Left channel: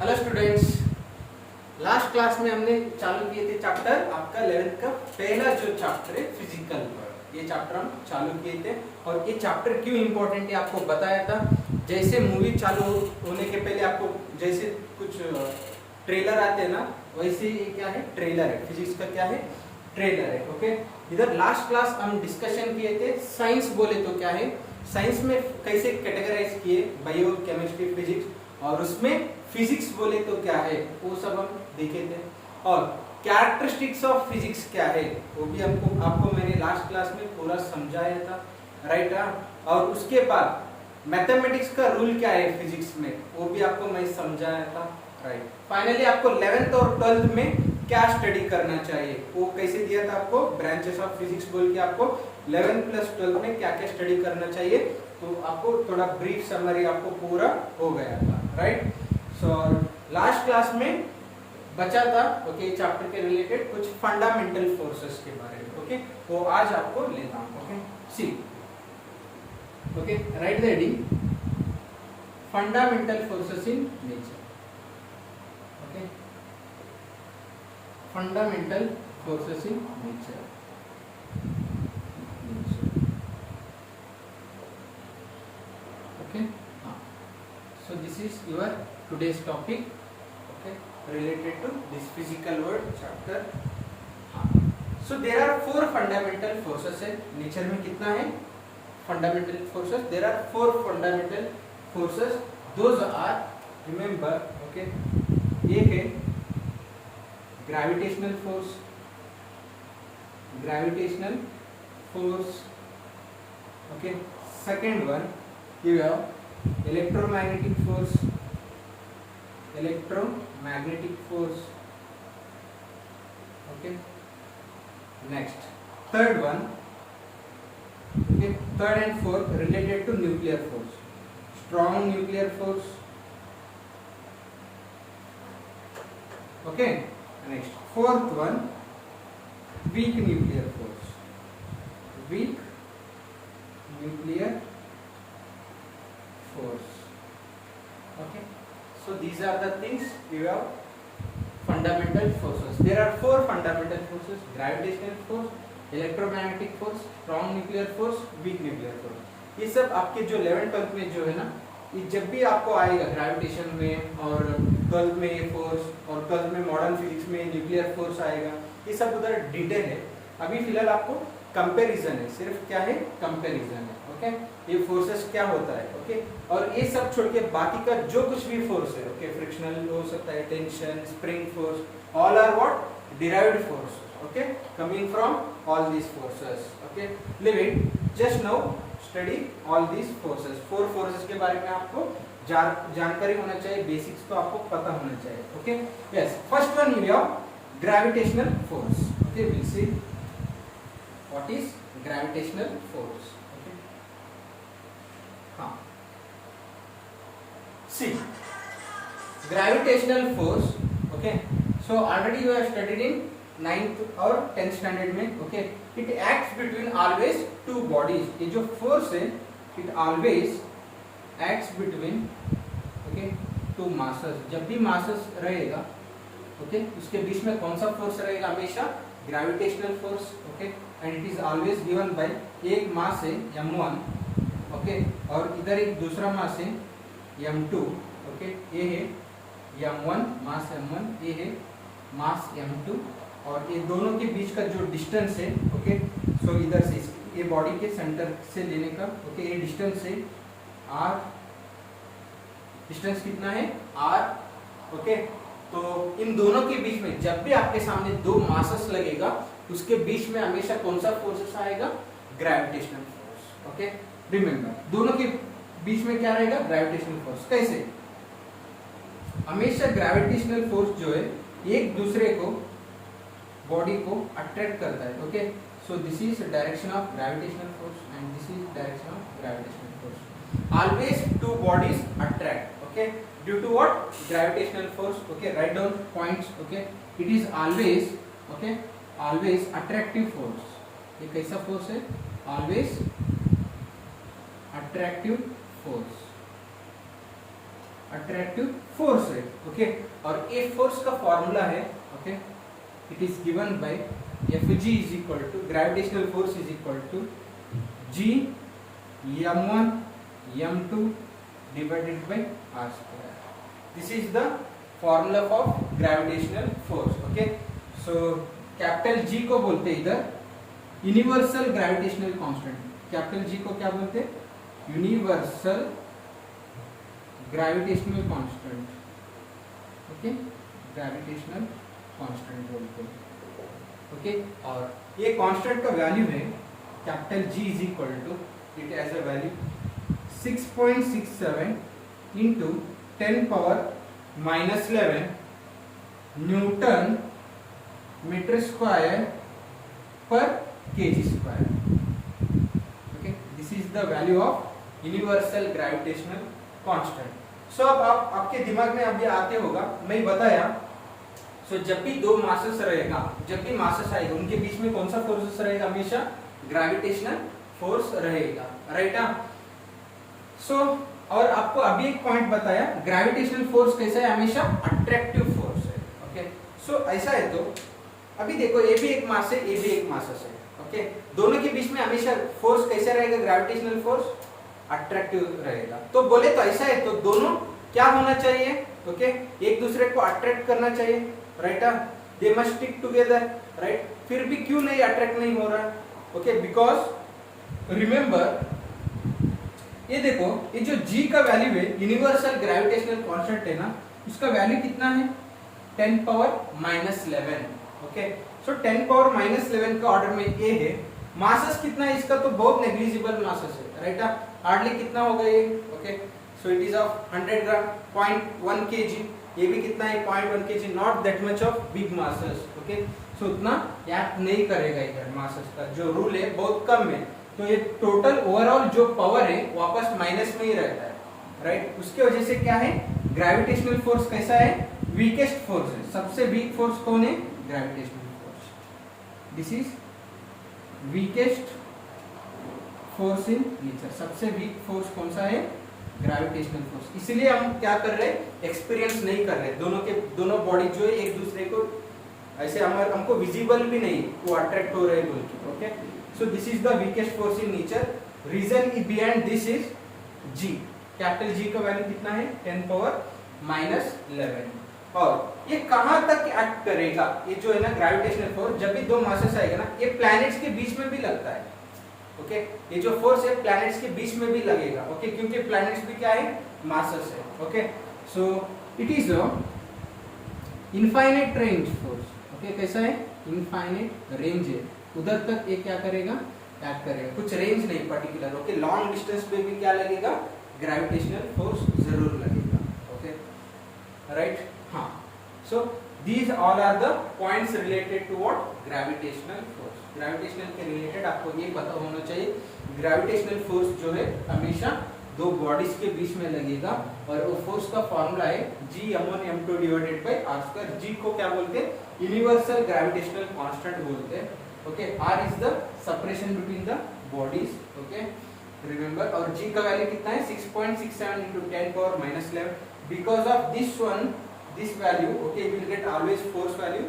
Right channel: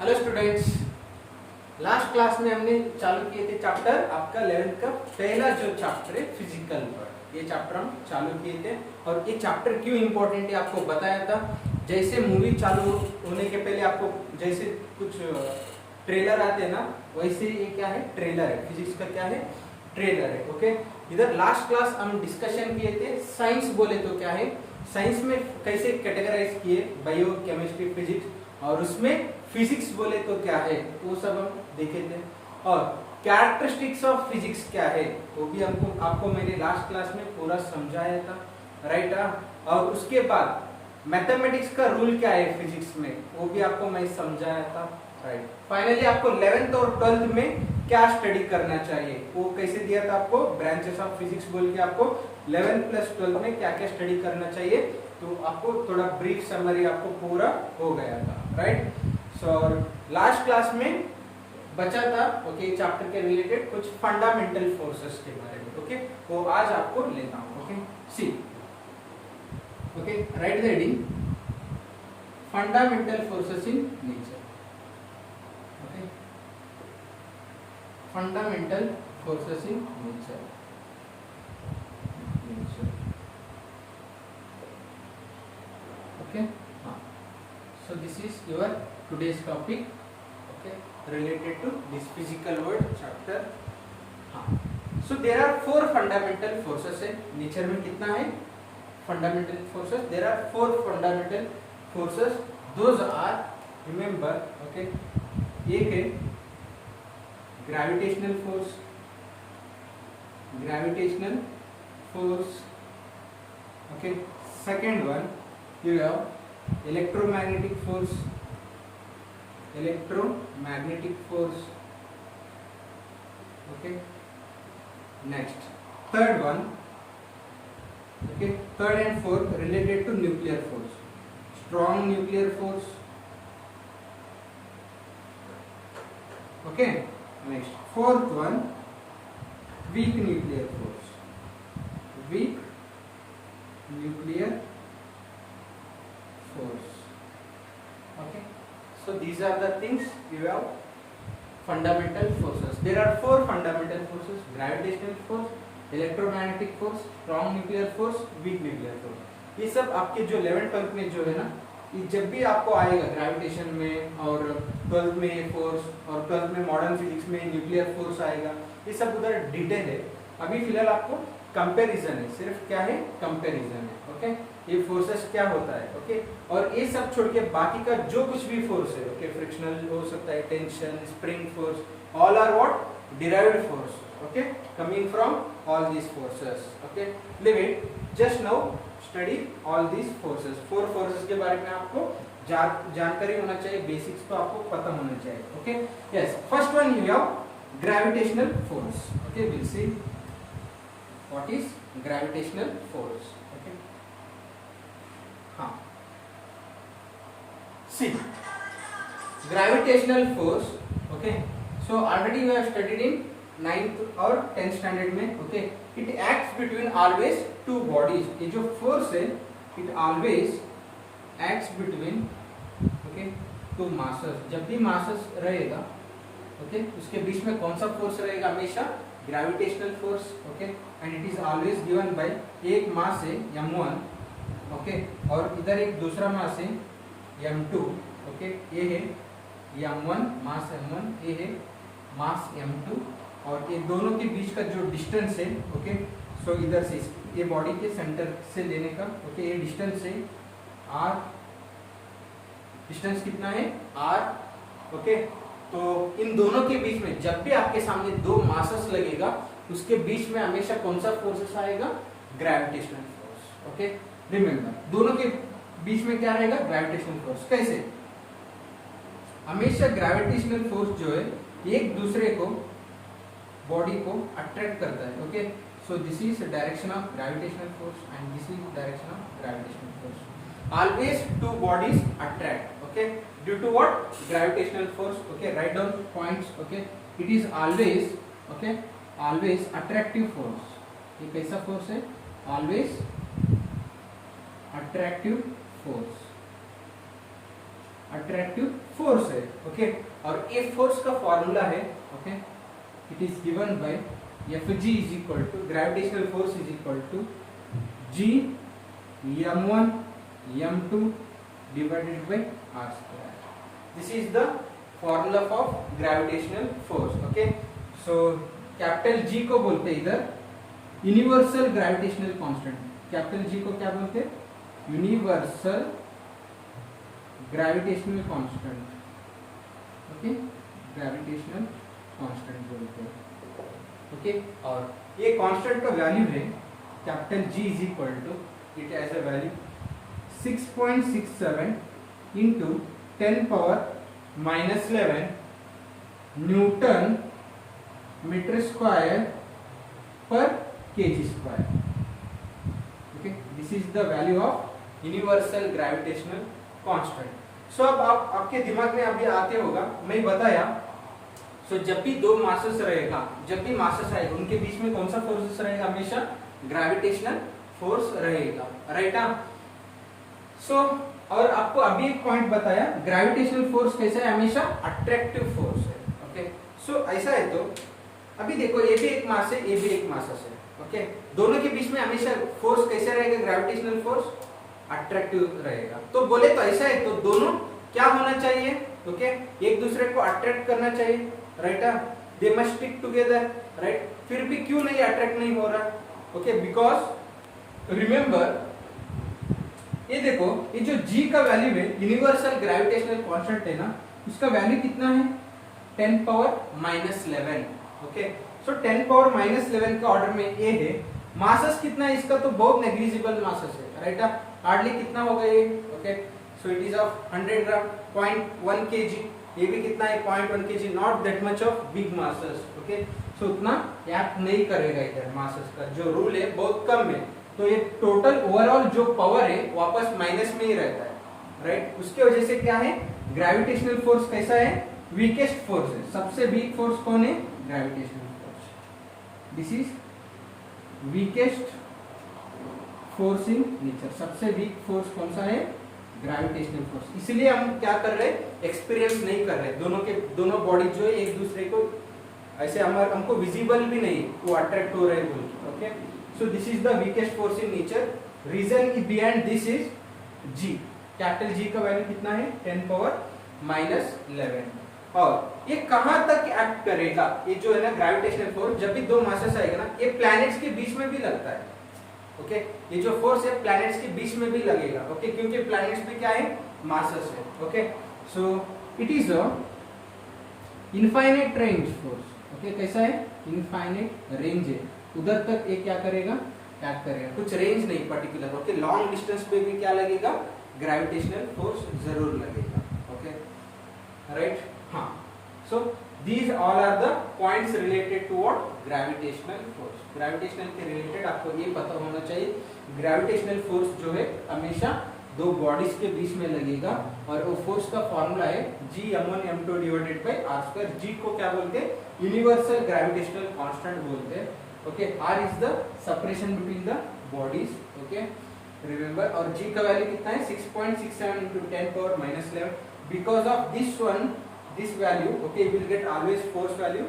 Hello students, last class में हमने चालू किए थे चैप्टर आपका 11th का पहला जो चैप्टर है फिजिकल वर्ल्ड। ये चैप्टर हम चालू किए थे और ये चैप्टर क्यों इम्पोर्टेंट है आपको बताया था। जैसे मूवी चालू होने के पहले आपको जैसे कुछ ट्रेलर आते हैं ना, वैसे ये क्या है, ट्रेलर है। फिजिक्स का क्या है, ट्रेलर है। ओके, इधर लास्ट क्लास हम डिस्कशन किए थे साइंस बोले तो क्या है, साइंस में कैसे कैटेगराइज किए, बायो केमिस्ट्री फिजिक्स, और उसमें फिजिक्स बोले तो क्या है वो सब हम देखे थे। और कैरेक्टरिस्टिक्स ऑफ फिजिक्स क्या है वो भी आपको मैंने लास्ट क्लास में पूरा समझाया था, राइट। और उसके बाद मैथमेटिक्स का रूल क्या है फिजिक्स में वो भी आपको मैं समझाया था, राइट। फाइनली आपको 11th और 12th में क्या स्टडी करना चाहिए वो कैसे दिया था आपको, ब्रांचेस ऑफ फिजिक्स बोल के आपको 11th प्लस 12th में क्या क्या स्टडी करना चाहिए, तो आपको थोड़ा ब्रीफ समरी आपको पूरा हो गया था, राइट। सो लास्ट क्लास में बचा था ओके चैप्टर के रिलेटेड कुछ फंडामेंटल फोर्सेस के बारे में। ओके, वो आज आपको लेना। Okay, see okay, right the heading fundamental forces in nature. Okay, fundamental forces in nature. Okay, so this is your today's topic, okay, related to this physical world chapter. So there are four fundamental forces है nature में। कितना है fundamental forces? There are four fundamental forces. Those are, remember, okay, एक है gravitational force, gravitational force, okay. Second one you have electromagnetic force, electromagnetic force, okay. Next, third one, okay, third and fourth related to nuclear force, strong nuclear force, okay. Next, fourth one, weak nuclear force, weak nuclear force. Okay, so these are the things you have fundamental forces. There are four fundamental forces: gravitational force, electromagnetic force, strong nuclear force, weak nuclear force. ये सब आपके जो 11th 12th में जो है ना, ये जब भी आपको आएगा ग्रेविटेशन में और 12th में ये फोर्स और 12th में मॉडर्न फिजिक्स में न्यूक्लियर फोर्स आएगा, ये सब उधर डिटेल है। अभी फिलहाल आपको कंपैरिजन है, सिर्फ क्या है, कंपैरिजन है। ओके, ये फोर्सेस क्या होता है, ओके। और ये सब छोड़ के बाकी का जो कुछ भी फोर्स है, ओके, फ्रिक्शनल हो सकता है, tension, spring force, all are what, derived force, okay, coming from all these forces. Okay, leave it, just now study all these forces. Four forces के बारे में आपको जानकारी होना चाहिए, बेसिक्स तो आपको पता होना चाहिए। Okay, yes, first one you have gravitational force. Okay, will see what is gravitational force. Okay, हाँ, सी gravitational force, okay, so already you have studied in 9th और 10th standard में। okay, it acts between always two bodies. ये जो force है, it always acts between, okay, two masses. जब भी masses रहेगा, okay, उसके बीच में कौन सा force रहेगा, हमेशा gravitational force, okay, and it is always given by एक mass है m1, okay, और इधर एक दूसरा mass है m2, okay, ये है m1 मास m1, ये है मास m2, और ये दोनों के बीच का जो डिस्टेंस है, ओके, सो इधर से ये बॉडी के सेंटर से लेने का, ओके, ये डिस्टेंस है r, डिस्टेंस कितना है r, ओके। तो इन दोनों के बीच में जब भी आपके सामने दो मासेस लगेगा, उसके बीच में हमेशा कौन सा फोर्सेस आएगा, ग्रेविटेशनल फोर्स। ओके, रिमेंबर, दोनों के बीच में क्या रहेगा, ग्रेविटेशनल फोर्स। कैसे, हमेशा ग्रेविटेशनल फोर्स जो है एक दूसरे को, बॉडी को अट्रैक्ट करता है। Okay, so this is direction of gravitational force and this is direction of gravitational force. Always two bodies attract, okay, due to what, gravitational force. Okay, write down points. Okay, it is always, okay, always attractive force. ये कैसा force है, always attractive force. Attractive force है। Okay, और ए force का formula है, okay, it is given by Fg is equal to gravitational force is equal to G m1 m2 divided by r square. This is the formula of gravitational force. Okay, so capital G को बोलते हैं इधर universal gravitational constant. Capital G को क्या बोलते हैं? Universal gravitational constant. Okay, gravitational constant बोलते हैं। ओके, और ये कांस्टेंट का वैल्यू है capital G is equal to, it has a value 6.67 into 10 power -11 newton metre square per KG square. Okay, this is the value of universal gravitational constant. So अब आपके दिमाग में अभी आते होगा, मैं बताया, सो जब भी दो मासेस रहेगा, जब भी मासेस आएगा उनके बीच में कौन सा फोर्स रहेगा? हमेशा ग्रेविटेशनल फोर्स रहेगा, राइट? सो और आपको अभी एक पॉइंट बताया, ग्रेविटेशनल फोर्स कैसा है? हमेशा अट्रैक्टिव फोर्स है। ओके, सो ऐसा है तो अभी देखो, ये भी एक मास है, ये भी एक मासेस है। ओके, दोनों के बीच में हमेशा फोर्स कैसा रहेगा? ग्रेविटेशनल फोर्स अट्रैक्टिव रहेगा। तो बोले तो ऐसा है तो दोनों क्या होना चाहिए? ओके, एक दूसरे को अट्रैक्ट करना चाहिए, right? They must stick together, right? फिर भी क्यों नहीं अट्रैक्ट नहीं हो रहा? ओके, बिकॉज रिमेंबर, ये देखो, ये जो G का वैल्यू है, यूनिवर्सल ग्रेविटेशनल कांस्टेंट है ना, उसका वैल्यू कितना है? 10 पावर -11। ओके, सो 10 पावर -11 का ऑर्डर में A है। मासेस कितना है इसका? तो बहुत नेग्लिजिबल मासेस है, राइट? हार्डली कितना होगा ये? Okay, so it is of 100 gram, 0.1 kg। ये भी कितना है? 0.1 kg, not that much of big masses. Okay, so उतना एक्ट नहीं करेगा इधर, मासेस का जो रूल है बहुत कम है। तो ये टोटल ओवरऑल जो पावर है वापस माइनस में ही रहता है, राइट? उसके वजह से क्या है? ग्रेविटेशनल फोर्स कैसा है? वीकेस्ट फोर्स है। सबसे वीक फोर्स कौन है? Gravitational force. This is weakest force in nature. सबसे वीक फोर्स कौन सा है? Gravitational force. इसलिए हम क्या कर रहे हैं? एक्सपीरियंस नहीं कर रहे। दोनों बॉडी जो है एक दूसरे को ऐसे हमको विजिबल भी नहीं वो अट्रैक्ट हो रहे बोल के। Okay, so this is the weakest force in nature. Reason behind this is G। Capital G का वैल्यू कितना है? 10 पावर -11। और ये कहां तक एक्ट करेगा? ये जो है ना ग्रेविटेशनल फोर्स, जब भी दो मासेस आएगा ना, ये प्लैनेट्स के बीच में भी लगता है। ओके, ये जो फोर्स है प्लैनेट्स के बीच में भी लगेगा। ओके, क्योंकि प्लैनेट्स भी क्या है? मासेस है। Okay, so it is a infinite range force. Okay, कैसा है? इनफाइनाइट रेंज है, उधर तक ये क्या करेगा? एक्ट करेगा, कुछ रेंज नहीं पर्टिकुलर। ओके, लॉन्ग डिस्टेंस पे भी क्या लगेगा? ग्रेविटेशनल फोर्स जरूर लगेगा। Okay, right? हाँ, सो these all are the points related to what? Gravitational force। Gravitational के रिलेटेड आपको ये पता होना चाहिए, ग्रेविटेशनल फोर्स जो है हमेशा दो बॉडीज के बीच में लगेगा, और वो फोर्स का फॉर्मूला है G m1 m2 divided by r square. G को क्या बोलते हैं? यूनिवर्सल ग्रेविटेशनल कांस्टेंट बोलते हैं। Okay, R is the separation between the bodies. Okay, remember, और G का वैल्यू कितना है? 6.67 into 10 power -11। Because of this one, this value, okay, you will get always force value,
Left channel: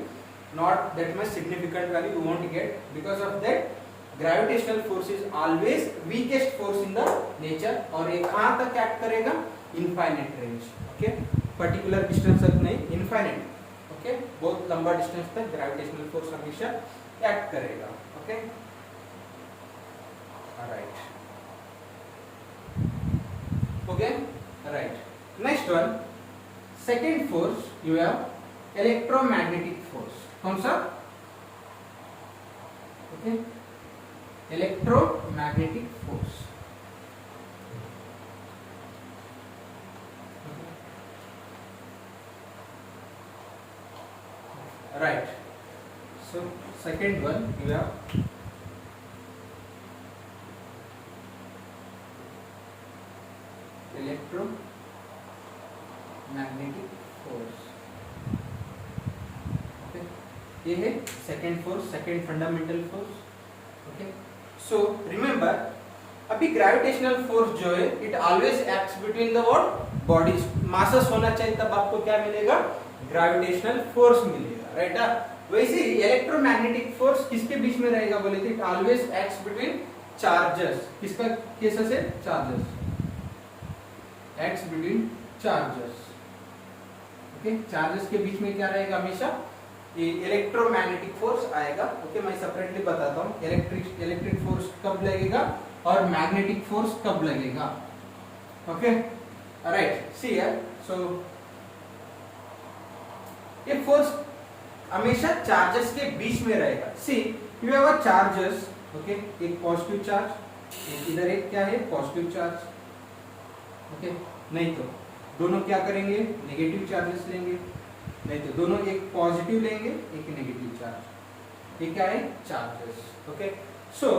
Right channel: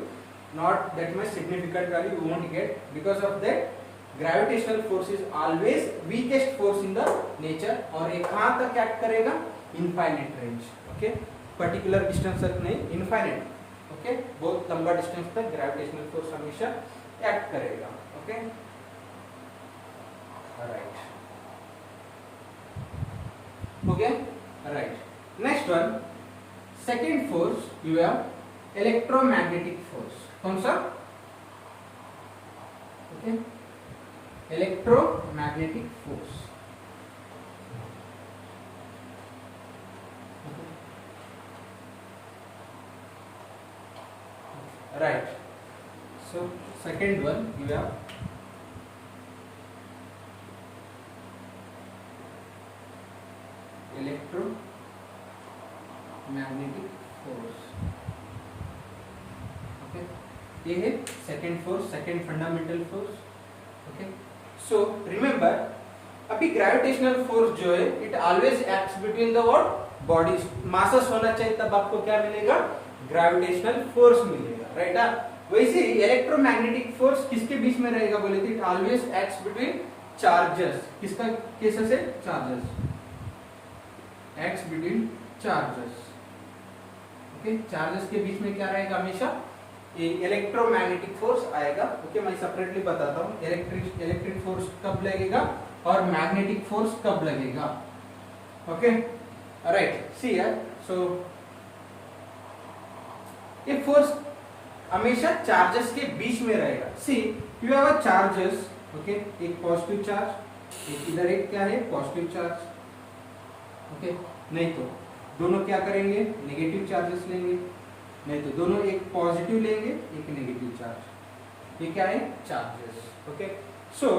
not that much significant value you won't get. Because of that, gravitational force is always weakest force in the nature। और ये कहाँ तक act करेगा? Infinite range. Okay, particular distance तक नहीं, infinite. Okay, बहुत लंबा distance तक ग्रेविटेशनल फोर्स हमेशा एक्ट करेगा। ओके, राइट, हो गया? Right, next one, second force you have electromagnetic force. कौन सा? Okay, electromagnetic force. Right, so second one you have electro magnetic force. Okay, ये है second force, second fundamental force. Okay, so remember, अभी gravitational force जो है it always acts between the what? Body MASS होना चाहिए, तब आपको क्या मिलेगा, ग्रेविटेशनल फोर्स मिलेगा, राइट। वैसे इलेक्ट्रोमैग्नेटिक फोर्स किसके बीच में रहेगा बोले थे, it always acts between charges. किसका केसेस है, charges, acts between charges. Okay, charges के बीच में क्या रहेगा हमेशा, ये इलेक्ट्रोमैग्नेटिक फोर्स आएगा। ओके, मैं सेपरेटली बताता हूँ इलेक्ट्रिक फोर्स कब लगेगा और मैग्नेटिक फोर्स कब लगेगा। Okay, right, see here, so ये फोर्स हमेशा चार्जेस के बीच में रहेगा। See you have a charges, okay, एक पॉजिटिव चार्ज, एक इधर एक क्या है, पॉजिटिव चार्ज। ओके, नहीं तो दोनों क्या करेंगे, नेगेटिव चार्जेस लेंगे, नहीं तो दोनों एक पॉजिटिव लेंगे एक नेगेटिव चार्ज। ये क्या है, charges. Okay, so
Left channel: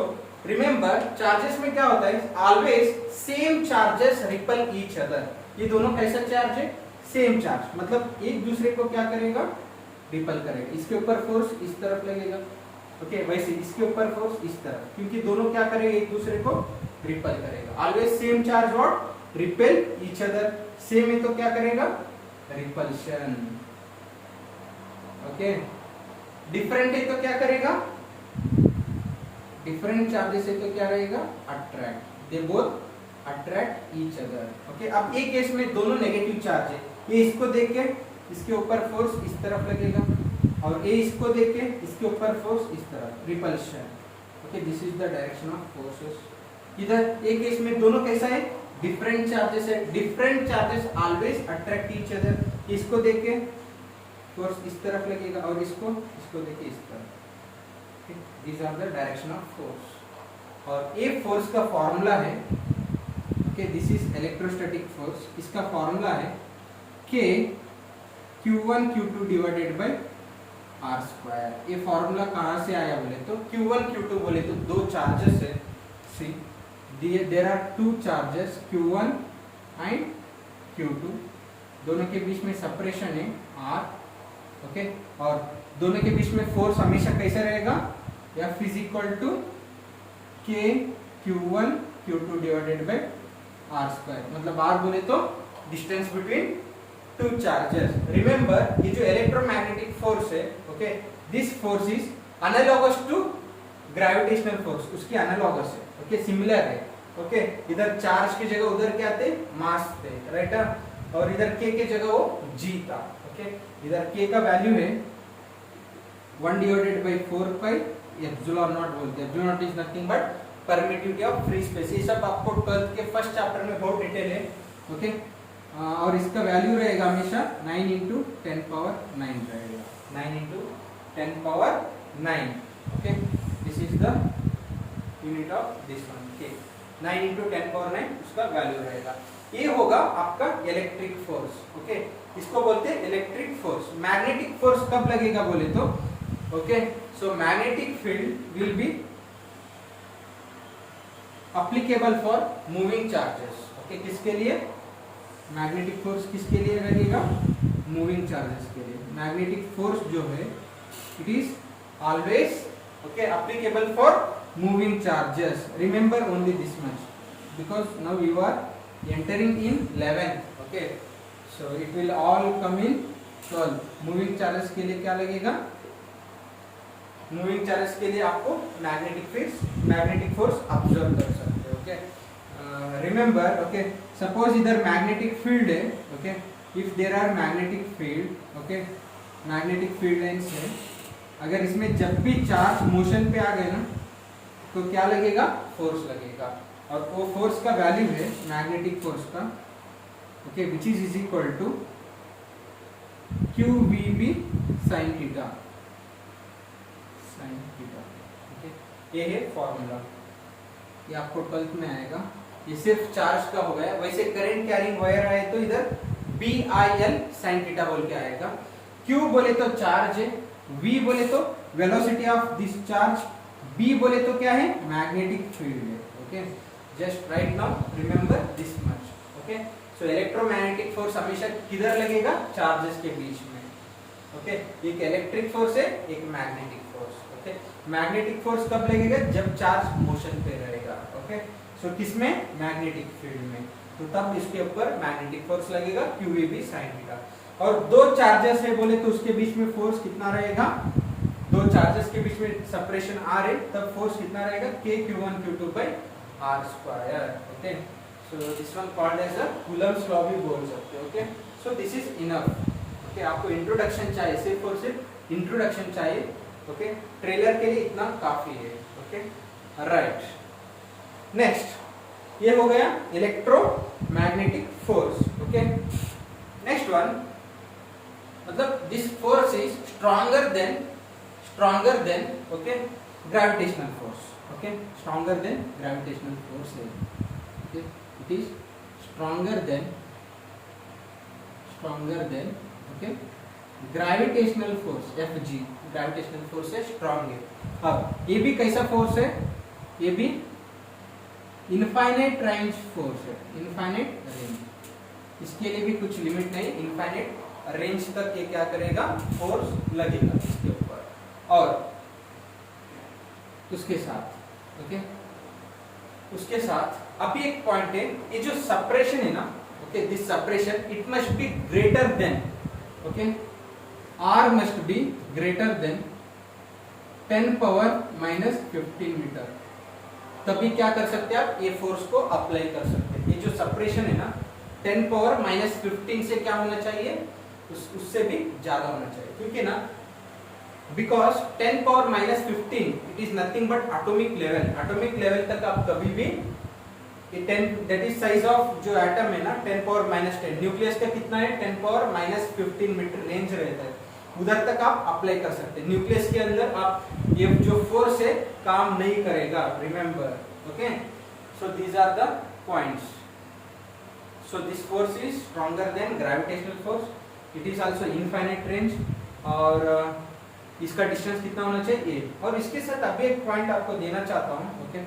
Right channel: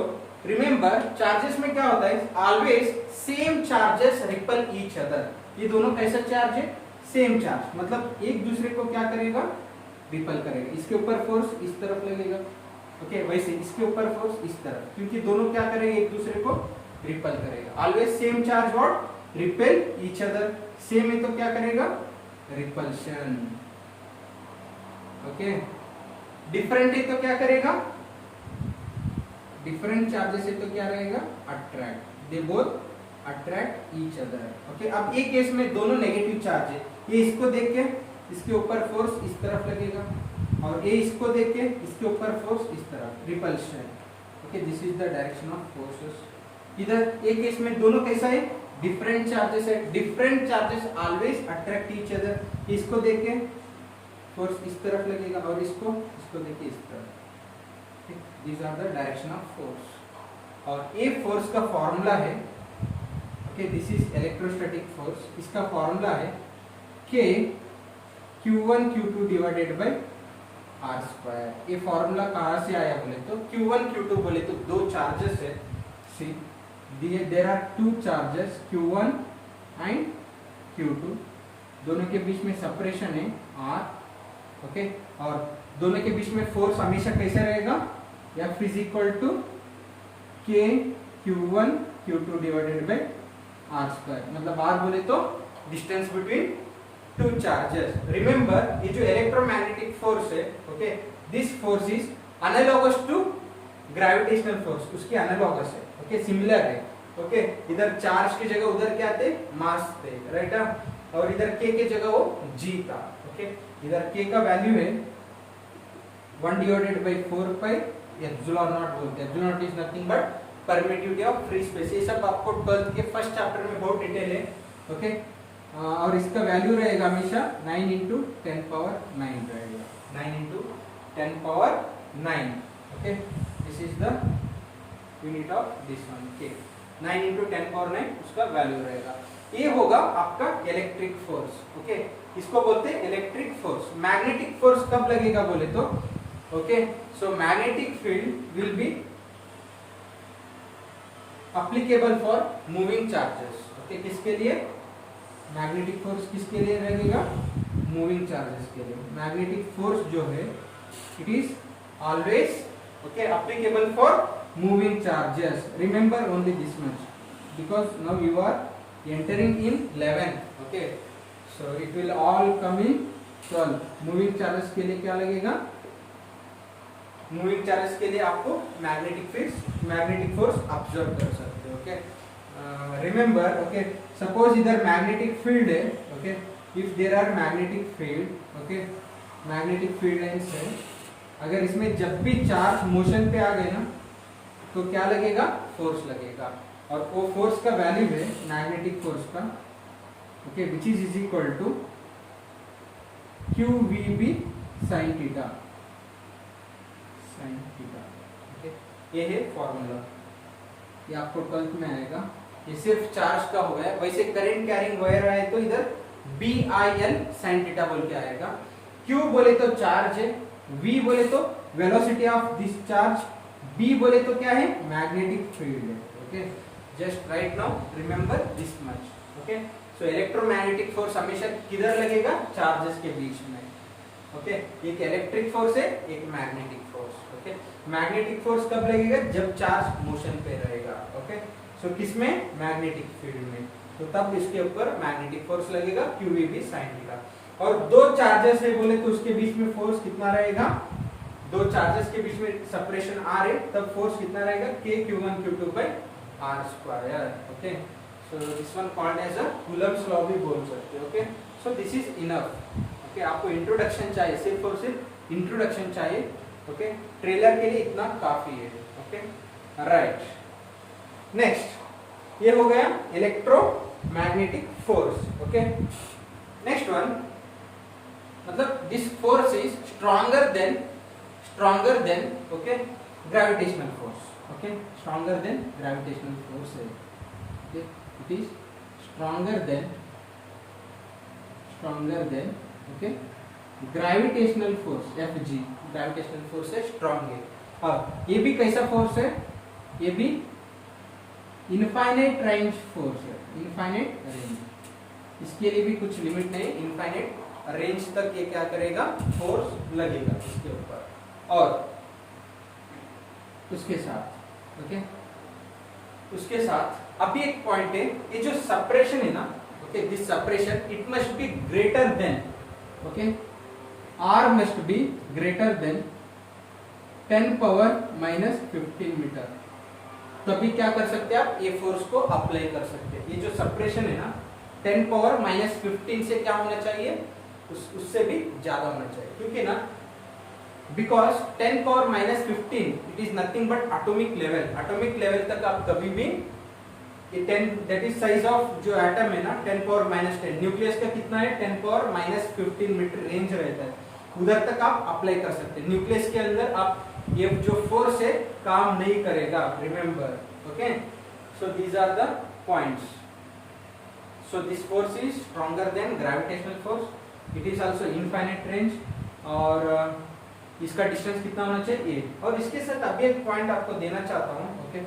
remember charges में क्या होता है, always same charges ripple each other. ये दोनों कैसा चार्ज है, सेम चार्ज, मतलब एक दूसरे को क्या करेगा, रिपल करेगा। इसके ऊपर फोर्स इस तरफ लगेगा, ओके, वैसे इसके ऊपर फोर्स इस तरफ, क्योंकि दोनों क्या करेंगे, एक दूसरे को रिपल करेगा। Always same charge what, repel each other. Same है तो क्या करेगा, रिपल्शन। ओके, डिफरेंट है तो क्या करेगा, डिफरेंट चार्जेस है तो क्या रहेगा, attract. They both attract each other. Okay, अब एक केस में दोनों नेगेटिव चार्ज है, ये इसको देख के इसके ऊपर फोर्स इस तरफ लगेगा और ये इसको देख के इसके ऊपर फोर्स इस तरफ, repulsion. Okay, this is the direction of forces. इधर एक केस में दोनों कैसा है, डिफरेंट चार्जेस है, different charges always attract each other. इसको देख के फोर्स इस तरफ लगेगा और इसको देख के इस तरफ। These are the direction of force. और ये फोर्स का फॉर्मूला है, okay, this is electrostatic force. इसका फॉर्मूला है K Q1 Q2 divided by R square. ये फॉर्मूला कहाँ से आया बोले तो, Q1 Q2 बोले तो दो चार्जेस है, see there are two charges Q1 and Q2, दोनों के बीच में सेपरेशन है R। ओके, और दोनों के बीच में फोर्स हमेशा कैसा रहेगा, या physical to K Q1 Q2 divided by R square, मतलब R बोले तो distance between two charges. Remember ये जो इलेक्ट्रोमैग्नेटिक फोर्स है, okay, this force is analogous to gravitational force, उसके एनालॉगस है, ओके, सिमिलर है। ओके, इधर चार्ज की जगह उधर क्या थे, मास थे, राइट, और इधर k की जगह वो g था। ओके, इधर k का वैल्यू है 1 divided by 4 pi epsilon not बोलते हैं। Epsilon not is nothing but permittivity of free space. ये सब आपको 12th के फर्स्ट चैप्टर में बहुत डिटेल है। ओके, और इसका वैल्यू रहेगा हमेशा 9 into 10 power 9 रहेगा, 9 into 10 power 9। Okay, this is the unit of this one, के 9 into 10 power 9 उसका वैल्यू रहेगा। ये होगा आपका इलेक्ट्रिक फोर्स। ओके, इसको बोलते हैं इलेक्ट्रिक फोर्स। मैग्नेटिक फोर्स कब लगेगा बोले तो, okay, so magnetic field will be applicable for moving charges. Okay, किसके लिए, मैग्नेटिक फोर्स किसके लिए रहेगा, मूविंग चार्जेस के लिए। मैग्नेटिक फोर्स जो है it is always, okay, applicable for moving charges. Remember only this much, because now you are entering in 11th। Okay, so it will all come in 12th। Moving charges के लिए क्या लगेगा, moving charges के लिए आपको magnetic force observe कर सकते हो। ओके, रिमेंबर, ओके, सपोज इधर मैग्नेटिक फील्ड है, okay, if there are magnetic field, okay, magnetic field lines है, अगर इसमें जब भी चार्ज मोशन पे आ गए ना तो क्या लगेगा, फोर्स लगेगा, और वो फोर्स का वैल्यू है मैग्नेटिक फोर्स का, okay, which is equal to QVB sin theta, okay, ये है फॉर्मूला, ये आपको 12th में आएगा। ये सिर्फ चार्ज का हो गया। वैसे करंट कैरिंग वायर आए तो इधर BIL sin थीटा बोल के आएगा। Q बोले तो चार्ज है, V बोले तो velocity of this charge, B बोले तो क्या है, मैग्नेटिक फील्ड है। Okay, just right now remember this much. Okay, so electromagnetic force हमेशा किधर लगेगा, चार्जेस के बीच में। ओके, एक इलेक्ट्रिक फोर्स है, एक magnetic force. Okay, magnetic force कब लगेगा, जब चार्ज मोशन पे रहेगा। ओके, सो किसमें, मैग्नेटिक फील्ड में। तो तब इसके ऊपर मैग्नेटिक फोर्स लगेगा QEB sin थीटा। और दो चार्जेस है बोले तो उसके बीच में फोर्स कितना रहेगा, दो चार्जेस के बीच में सेपरेशन R है तब फोर्स कितना रहेगा KQ1 Q2 by R square। Okay, so this one called as a Coulomb's law भी बोल सकते हो। Okay, so this is enough. Okay, आपको इंट्रोडक्शन चाहिए, सिर्फ और सिर्फ इंट्रोडक्शन चाहिए। ओके, ट्रेलर के लिए इतना काफी है। Okay, right. नेक्स्ट ये हो गया electromagnetic force. Okay, next one, मतलब this force is stronger than okay gravitational force. Okay, stronger than gravitational force है। Okay, it is stronger than okay gravitational force FG, gravitational force है strong है। अब ये भी कैसा फोर्स है, ये भी इनफाइनाइट रेंज फोर्स है, इनफाइनाइट रेंज, इसके लिए भी कुछ लिमिट नहीं, इनफाइनाइट रेंज तक ये क्या करेगा, फोर्स लगेगा इसके ऊपर। और उसके साथ ओके, उसके साथ अभी एक पॉइंट है, ये जो सेपरेशन है ना, okay this separation it must be greater than, okay R must be greater than 10 power minus 15 metre, तभी क्या कर सकते हैं आप, ये फोर्स को अप्लाई कर सकते हैं। ये जो सेपरेशन है ना 10 पावर माइनस 15 से क्या होना चाहिए, उससे भी ज्यादा होना चाहिए, क्योंकि ना because 10 power minus 15 it is nothing but atomic level. Atomic level तक आप कभी भी 10 दैट इज साइज ऑफ जो एटम है ना 10 पावर माइनस 10, न्यूक्लियस का कितना है 10 पावर माइनस 15 मीटर रेंज रहता है, उधर तक आप अप्लाई कर सकते हैं। न्यूक्लियस के अंदर आप ये जो फोर्स है काम नहीं करेगा, remember. Okay, so these are the points. So this force is stronger than gravitational force, it is also infinite range, और इसका डिस्टेंस कितना होना चाहिए ये। और इसके साथ अभी एक पॉइंट आपको देना चाहता हूं। ओके,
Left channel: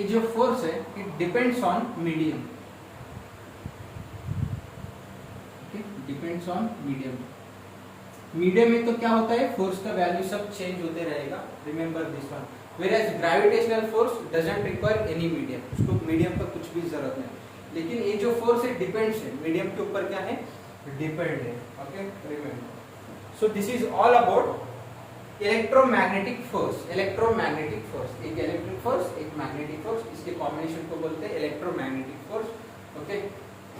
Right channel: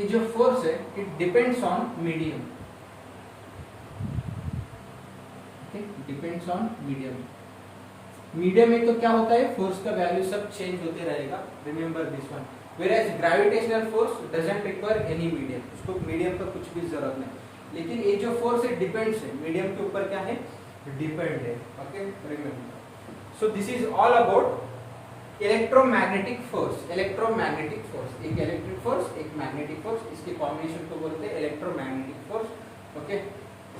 ये जो फोर्स है it depends on medium, depends on medium. Medium में तो क्या होता है, फोर्स का वैल्यू सब चेंज होते रहेगा, remember this one. Whereas gravitational force doesn't require any medium, उसको मीडियम का कुछ भी जरूरत नहीं। लेकिन ये जो फोर्स है डिपेंड्स है, मीडियम के ऊपर क्या है, डिपेंड है। Okay, remember. So this is all about electromagnetic force. Electromagnetic force, एक इलेक्ट्रिक फोर्स एक मैग्नेटिक फोर्स, इसके कॉम्बिनेशन को बोलते हैं electromagnetic force. Okay,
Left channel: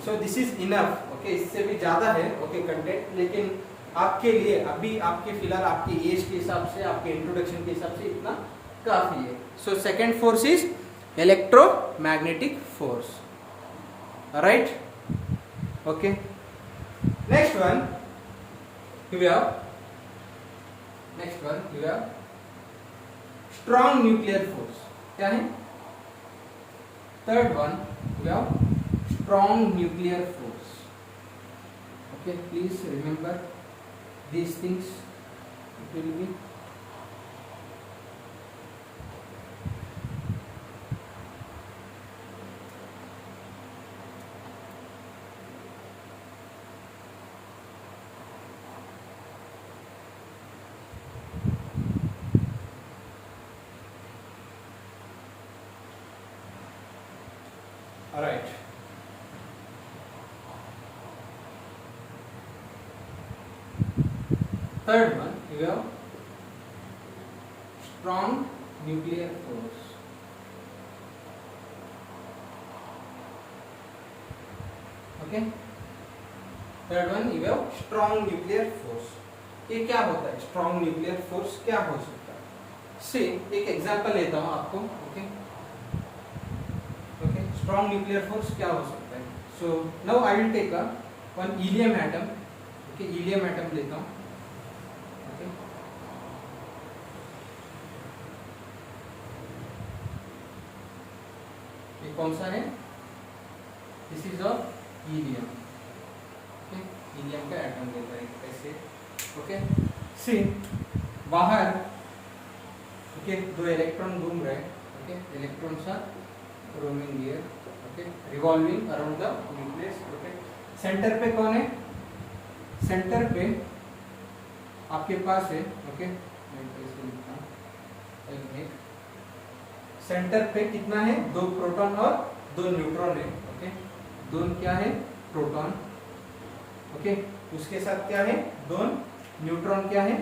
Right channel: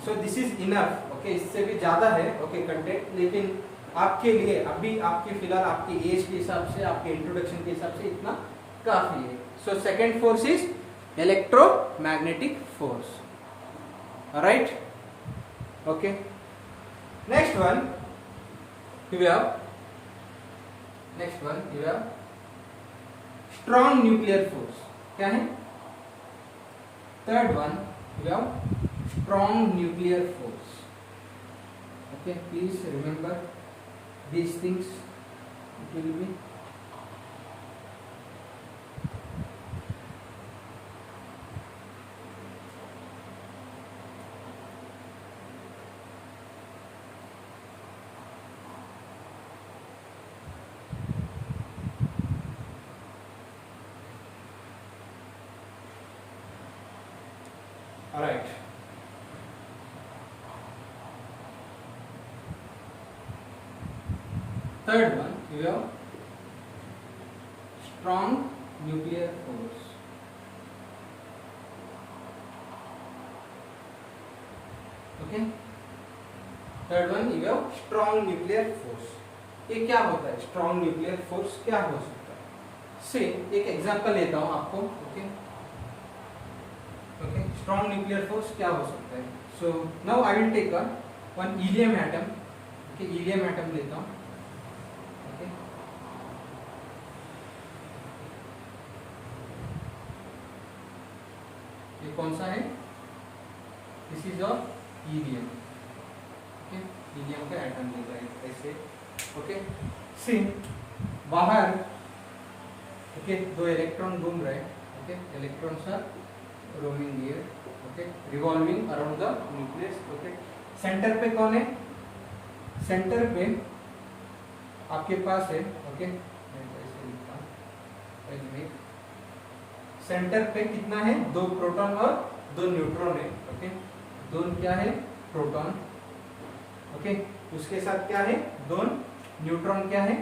so this is enough. Okay, इससे भी ज्यादा है ओके कंटेंट, लेकिन आपके लिए अभी आपके फिलहाल आपकी एज के हिसाब से, आपके इंट्रोडक्शन के हिसाब से इतना काफी है। So second force is electromagnetic force, right. Okay, next one you have strong nuclear force, क्या है, third one you have strong nuclear force। okay, please remember these things, it will be alright। Third one, you have strong nuclear force। okay, third one you have strong nuclear force। ये क्या होता है, strong nuclear force क्या हो सकता है, से एक एग्जांपल लेता हूं आपको। Okay, okay, strong nuclear force क्या हो सकता है। so now I will take one helium atom। okay, helium atom लेता हूँ। okay, ये कौन सा है, this is of helium. okay, helium का एटम लेता है ऐसे। ओके, सी बाहर ओके दो इलेक्ट्रॉन घूम रहे हैं। Okay, electrons are roaming here, okay, revolving around the nucleus। okay, centre पे कौन है, सेंटर पे आपके पास है। ओके, सेंटर पे कितना है, 2 प्रोटॉन और दो न्यूट्रॉन है, ओके, दो क्या है, प्रोटॉन, ओके, उसके साथ क्या है, दो न्यूट्रॉन क्या है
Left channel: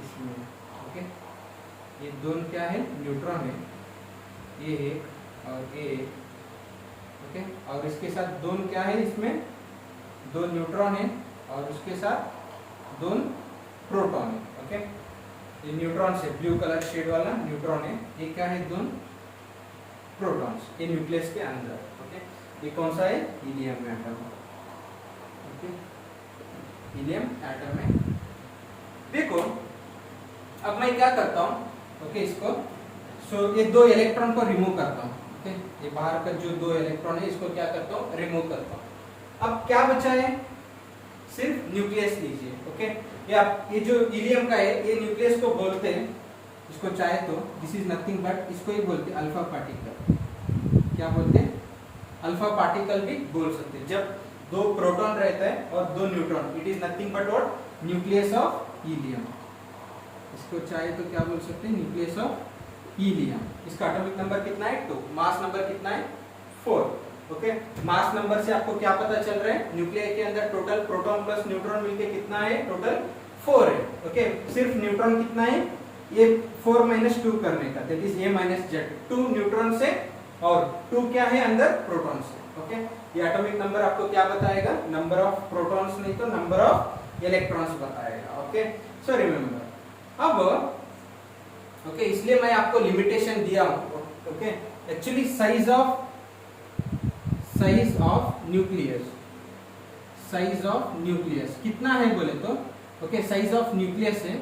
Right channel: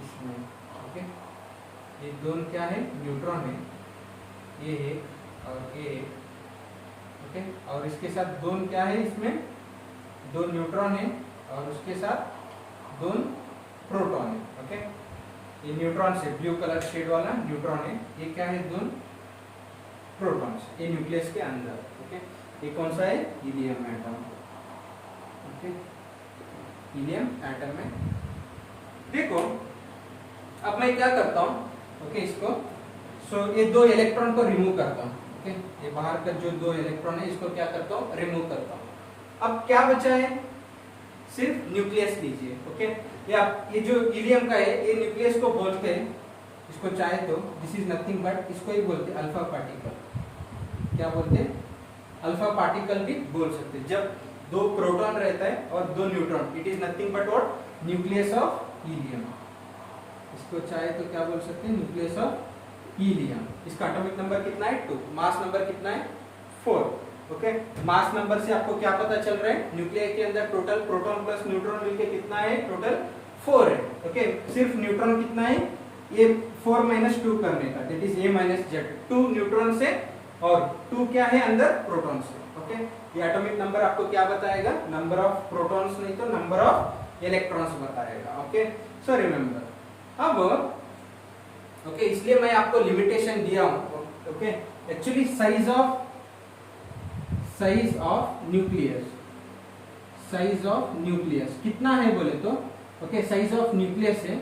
इसमें, ओके, ये दोनों क्या है, न्यूट्रॉन है, ये एक और ये एक, ओके, और इसके साथ दोनों क्या है, इसमें दो न्यूट्रॉन है और उसके साथ दो प्रोटॉन है, ओके, ये न्यूट्रॉन से ब्लू कलर शेड वाला न्यूट्रॉन है, ये क्या है, दो प्रोटॉन्स, ये न्यूक्लियस के अंदर, ओके, ये कौन सा है, helium atom, okay, helium atom में। देखो अब मैं क्या करता हूँ, ओके, इसको ये दो इलेक्ट्रॉन को रिमूव करता हूँ, ओके, ये बाहर का जो दो इलेक्ट्रॉन है इसको क्या करता हूँ, रिमूव करता हूँ। अब क्या बचा है, सिर्फ न्यूक्लियस लीजिए, ओके, ये जो हीलियम का है ये न्यूक्लियस को बोलते हैं, इसको चाहे तो दिस इज नथिंग बट इसको ही बोलते हैं अल्फा पार्टिकल, क्या बोलते हैं, अल्फा पार्टिकल भी बोल सकते हैं। जब दो प्रोटॉन रहता है और दो neutron, it is nothing but what, nucleus of helium, इसको चाहे तो क्या बोल सकते हैं, न्यूक्लियस ऑफ हीलियम। इसका एटॉमिक नंबर कितना है, 2, मास नंबर कितना है, 4, ओके, मास नंबर से आपको क्या पता चल रहा है, न्यूक्लियस के अंदर टोटल प्रोटॉन प्लस न्यूट्रॉन मिलके कितना है, टोटल 4 है, ओके, सिर्फ न्यूट्रॉन कितना है, ये 4 - 2 करने का, that is A - Z, 2 neutron से और 2 क्या है अंदर, प्रोटॉन से, ओके, ये एटॉमिक नंबर आपको क्या बताएगा, नंबर ऑफ प्रोटॉन्स नहीं तो नंबर ऑफ इलेक्ट्रॉन्स बताएगा, ओके, सो रिमेंबर। अब ओके, इसलिए मैं आपको लिमिटेशन दिया हूं, okay, actually size of nucleus कितना है बोले तो, ओके, साइज ऑफ न्यूक्लियस है,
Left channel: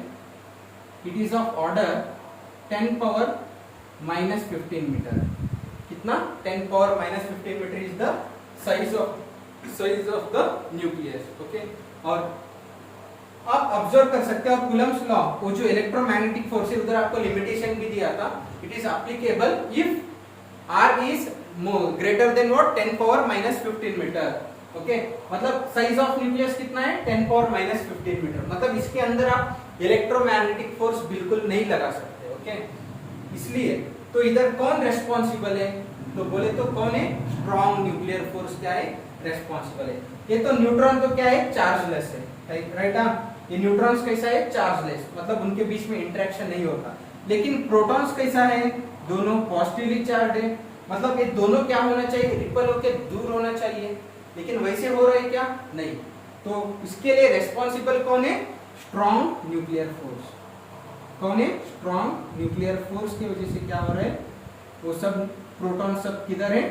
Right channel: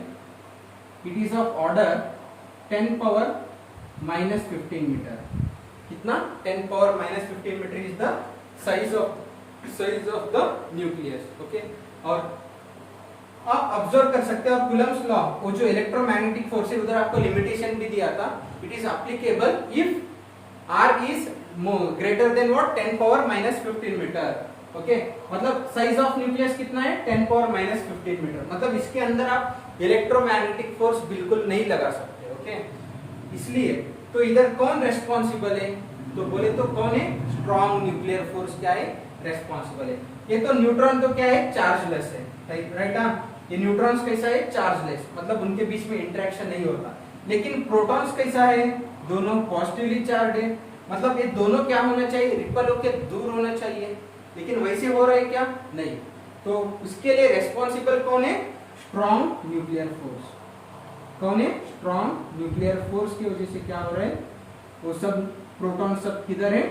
it is of order 10 power -15 metre, कितना, 10 power -15 metre is the size of the nucleus, okay. और आप ऑब्जर्व कर सकते हो, आप कूलम्स लॉ, वो जो इलेक्ट्रोमैग्नेटिक फोर्स है उधर आपको लिमिटेशन भी दिया था, it is applicable if r is greater than what, 10 power -15 metre, okay, मतलब साइज ऑफ न्यूक्लियस कितना है, 10 पावर -15 मीटर, मतलब इसके अंदर आप इलेक्ट्रोमैग्नेटिक फोर्स बिल्कुल नहीं लगा सकते, ओके, इसलिए तो इधर कौन रेस्पॉन्सिबल है, तो बोले तो कौन है, स्ट्रॉन्ग न्यूक्लियर फोर्स क्या है, रेस्पॉन्सिबल है। ये तो न्यूट्रॉन तो क्या है, चार्जलेस है, राइट, ये न्यूट्रॉन्स कैसा है, चार्जलेस, मतलब उनके बीच में इंटरेक्शन नहीं होता। लेकिन प्रोटॉन्स कैसा है, दोनों पॉजिटिवली चार्ज है, मतलब ये दोनों क्या होना चाहिए, रिपल होकर दूर होना चाहिए, लेकिन वैसे हो रहा है क्या, नहीं, तो इसके लिए रेस्पॉन्सिबल कौन है, स्ट्रॉन्ग न्यूक्लियर फोर्स, कौन है, स्ट्रॉन्ग न्यूक्लियर फोर्स की वजह से क्या हो रहा है, वो सब प्रोटॉन सब किधर है,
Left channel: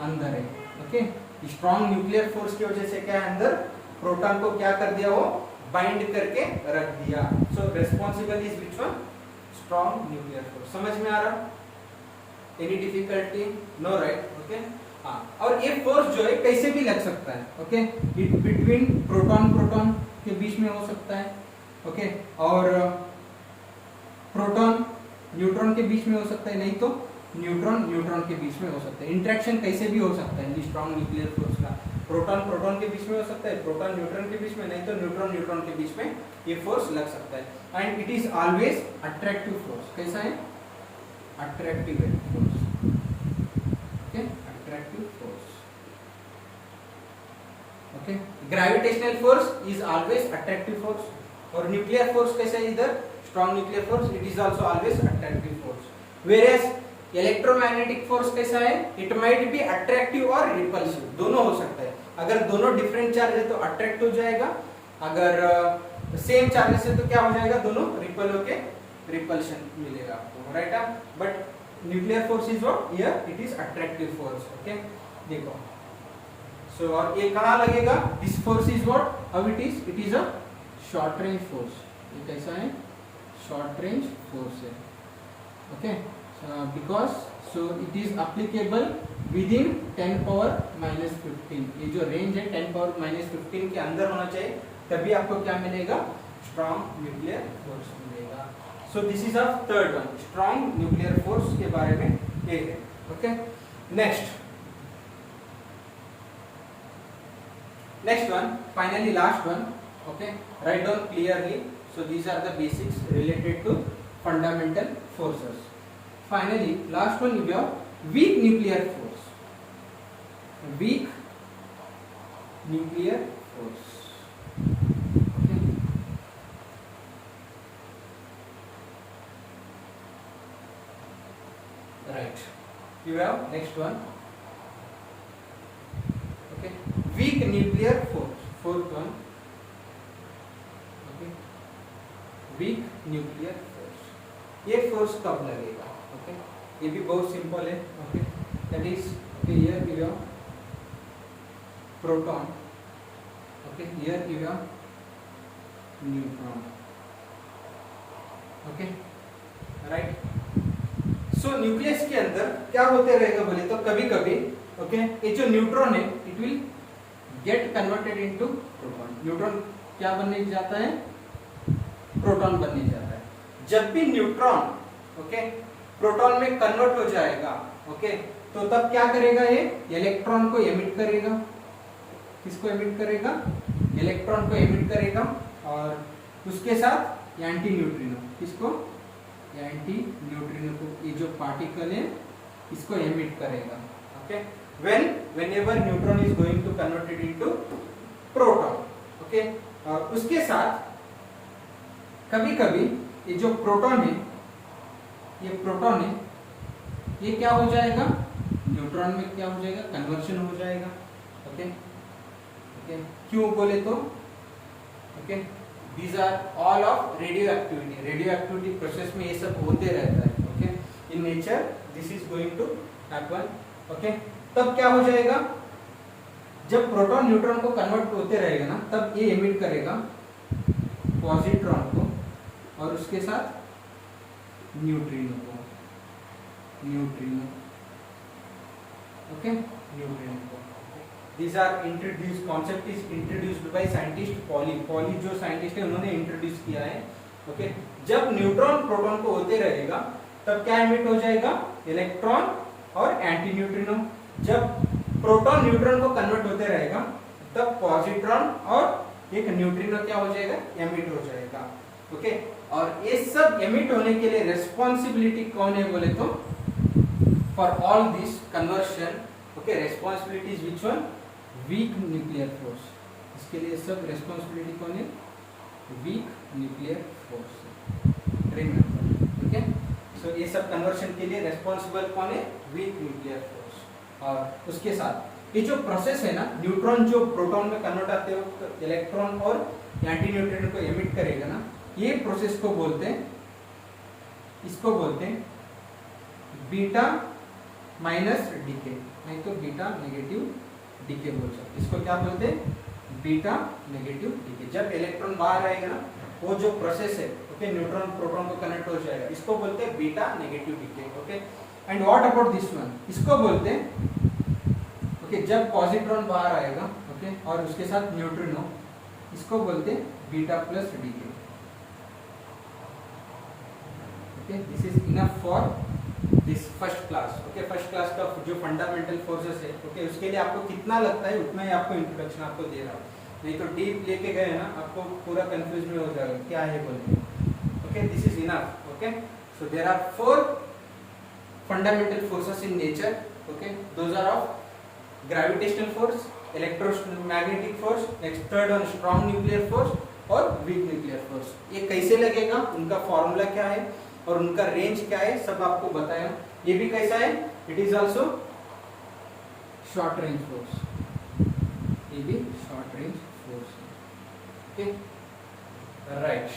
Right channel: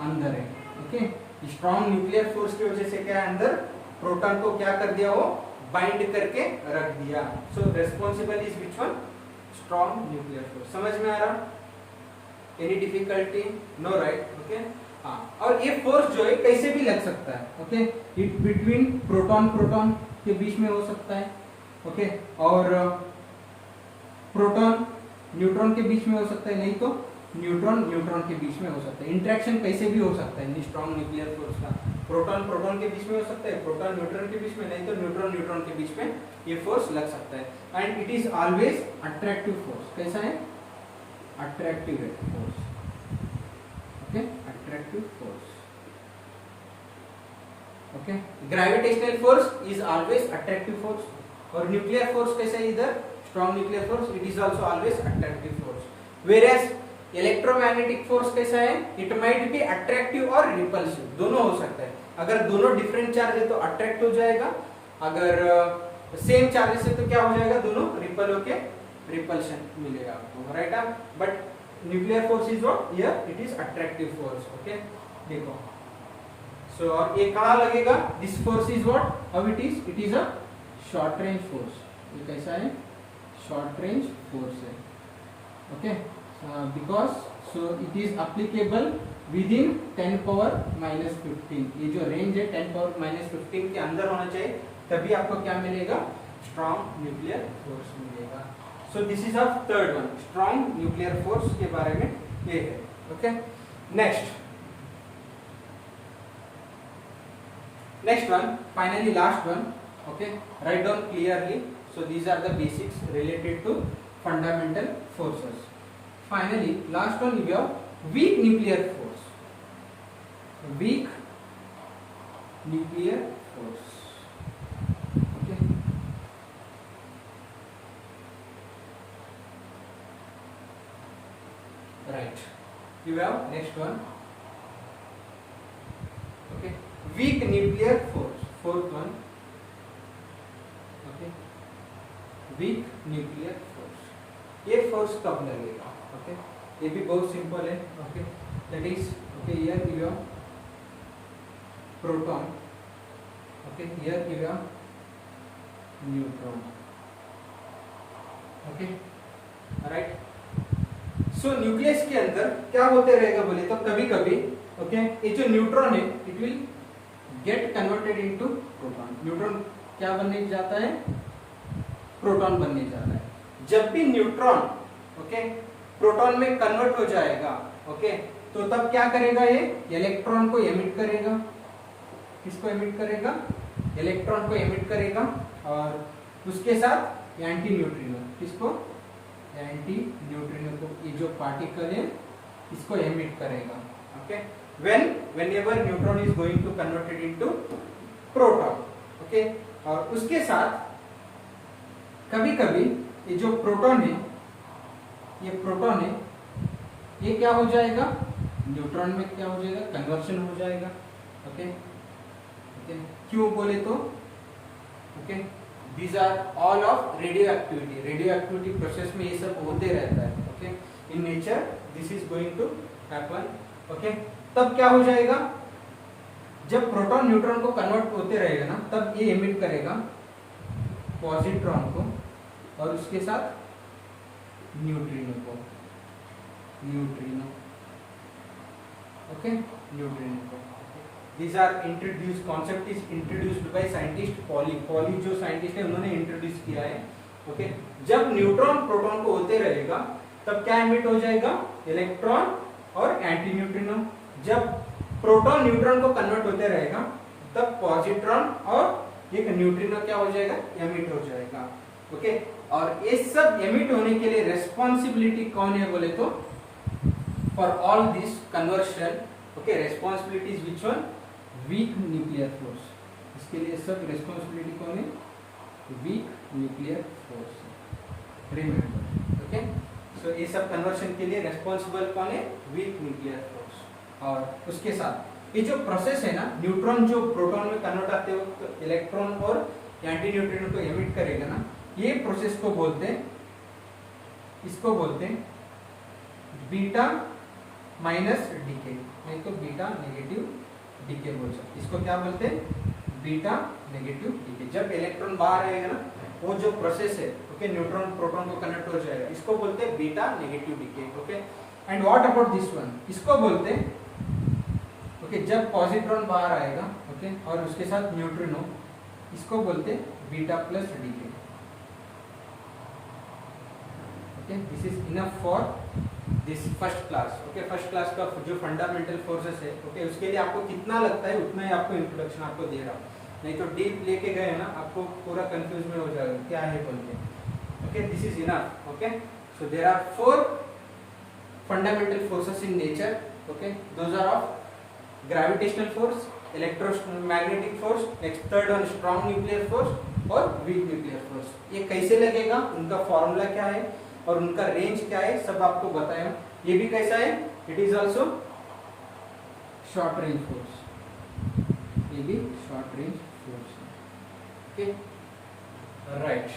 अंदर है, ओके, स्ट्रॉन्ग न्यूक्लियर फोर्स की वजह से क्या है, अंदर प्रोटॉन को क्या कर दिया, वो बाइंड करके रख दिया, so responsible is which one, strong nuclear force. समझ में आ रहा, any difficulty, no, right, okay, हाँ, और ये फोर्स जो है कैसे भी लग सकता है, ओके, इट बिटवीन प्रोटॉन के बीच में हो सकता है, ओके, और प्रोटॉन न्यूट्रॉन के बीच में हो सकता है, नहीं तो न्यूट्रॉन के बीच में हो सकता है, इंटरेक्शन कैसे भी हो सकता है स्ट्रॉन्ग न्यूक्लियर फोर्स का, प्रोटॉन के बीच में हो सकता है, प्रोटॉन न्यूट्रॉन के बीच में, नहीं तो न्यूट्रॉन के बीच में ये फोर्स लग सकता है, and it is always attractive force, कैसा है, attractive force, okay, attractive force, okay, gravitational force is always attractive force, और न्यूक्लियर फोर्स कैसा है, इधर strong nuclear force, it is also always attractive force, whereas electromagnetic force कैसा है, it might be attractive और repulsive, दोनों हो सकता है, अगर दोनों डिफरेंट चार्ज है तो अट्रैक्ट हो जाएगा, अगर सेम चार्जेस है तो क्या हो जाएगा, दोनों रिपल होके रिपल्शन मिलेगा आपको, right, but nuclear force is what, here it is attractive force, okay, देखो, सो और ये कहां लगेगा, this force is what, how it is a short range force, ये कैसा है, शॉर्ट रेंज फोर्स है, okay, because so it is applicable within 10 power -15, ये जो रेंज है 10 पावर -15 के अंदर होना चाहिए, तभी आपको क्या मिलेगा, स्ट्रॉन्ग न्यूक्लियर फोर्स मिलेगा। So this is of third one, strong nuclear force के बारे में ये है, okay. Next one, finally last one, okay, write down clearly, so these are the basics related to fundamental forces. Finally, last one we have weak nuclear force, weak nuclear force, okay. Right, you have next one, okay, weak nuclear force, fourth one, okay, weak nuclear force, ये force कब लगेगा, okay, ये भी बहुत simple है, okay, that is, okay, here you have proton, okay, here you have neutron, okay, right। So nucleus के अंदर क्या होते रहेगा बोले तो कभी कभी, ओके, ये जो न्यूट्रॉन है it will get converted into proton, neutron क्या बनने जाता है, प्रोटॉन बनने जाता है। जब भी न्यूट्रॉन, ओके, प्रोटॉन में कन्वर्ट हो जाएगा, ओके, तो तब क्या करेगा, ये इलेक्ट्रॉन को एमिट करेगा, किसको एमिट करेगा, इलेक्ट्रॉन को एमिट करेगा, और उसके साथ एंटी न्यूट्रिनो, किसको, एंटी न्यूट्रिनो को, ये जो पार्टिकल है इसको एमिट करेगा, okay, whenever neutron is going to converted into proton, okay. और उसके साथ कभी कभी ये जो प्रोटॉन है, ये प्रोटॉन है, ये क्या हो जाएगा, न्यूट्रॉन में क्या हो जाएगा, कन्वर्शन हो जाएगा, ओके, ओके, क्यों बोले तो, okay, these are all of radioactivity, radioactivity process में ये सब होते रहता है, okay, in nature this is going to happen, okay. तब क्या हो जाएगा, जब प्रोटॉन न्यूट्रॉन को कन्वर्ट होते रहेगा ना, तब ये एमिट करेगा पॉजिट्रॉन को, और उसके साथ न्यूट्रिनो को, न्यूट्रिनो, ओके, न्यूट्रिनो को। These are introduced, concept is introduced by scientist Pauli, Pauli जो साइंटिस्ट है उन्होंने इंट्रोड्यूस किया है, ओके। जब न्यूट्रॉन प्रोटॉन को होते रहेगा तब क्या एमिट हो जाएगा, इलेक्ट्रॉन और एंटी न्यूट्रिनो। जब प्रोटॉन न्यूट्रॉन को कन्वर्ट होते रहेगा तब पॉजिट्रॉन और एक न्यूट्रिनो क्या हो जाएगा, एमिट हो जाएगा, ओके। और ये सब एमिट होने के लिए रेस्पॉन्सिबिलिटी कौन है बोले तो, for all this conversion, okay, responsibility is which one, weak nuclear force, इसके लिए सब रेस्पॉन्सिबिलिटी कौन है, weak nuclear force, remember, okay. So ये सब कन्वर्शन के लिए रेस्पॉन्सिबल कौन है, वीक न्यूक्लियर फोर्स। और उसके साथ ये जो प्रोसेस है ना, न्यूट्रॉन जो प्रोटॉन में कन्वर्ट आते हो तो इलेक्ट्रॉन और एंटी न्यूट्रिनो को एमिट करेगा ना, ये प्रोसेस को बोलते हैं, इसको बोलते हैं बीटा माइनस डीके, नहीं तो बीटा नेगेटिव डीके बोल सकते, इसको क्या बोलते हैं, बीटा नेगेटिव डीके। जब इलेक्ट्रॉन बाहर आएगा ना, वो जो प्रोसेस है, ओके, न्यूट्रॉन प्रोटॉन को कनेक्ट हो जाएगा, इसको बोलते हैं beta negative decay, okay. And what about this one, इसको बोलते हैं, ओके, जब पॉजिट्रॉन बाहर आएगा, ओके, और उसके साथ न्यूट्रिनो, इसको बोलते हैं beta plus decay, okay. This is enough for this first class, okay. First class का जो फंडामेंटल फोर्सेस है, ओके, उसके लिए आपको कितना लगता है उतना ही आपको इंट्रोडक्शन आपको दे रहा हूँ, नहीं तो डीप लेके गए ना आपको पूरा कंफ्यूज में हो जाएगा क्या है बोलते, okay. This is enough, okay. So there are 4 fundamental forces in nature, okay. Those are of gravitational force, electromagnetic force, next third one strong nuclear force और वीक न्यूक्लियर फोर्स। ये कैसे लगेगा, उनका फॉर्मूला क्या है और उनका रेंज क्या है, सब आपको बताया। ये भी कैसा है, it is also short range force, ये भी short range force, okay, right.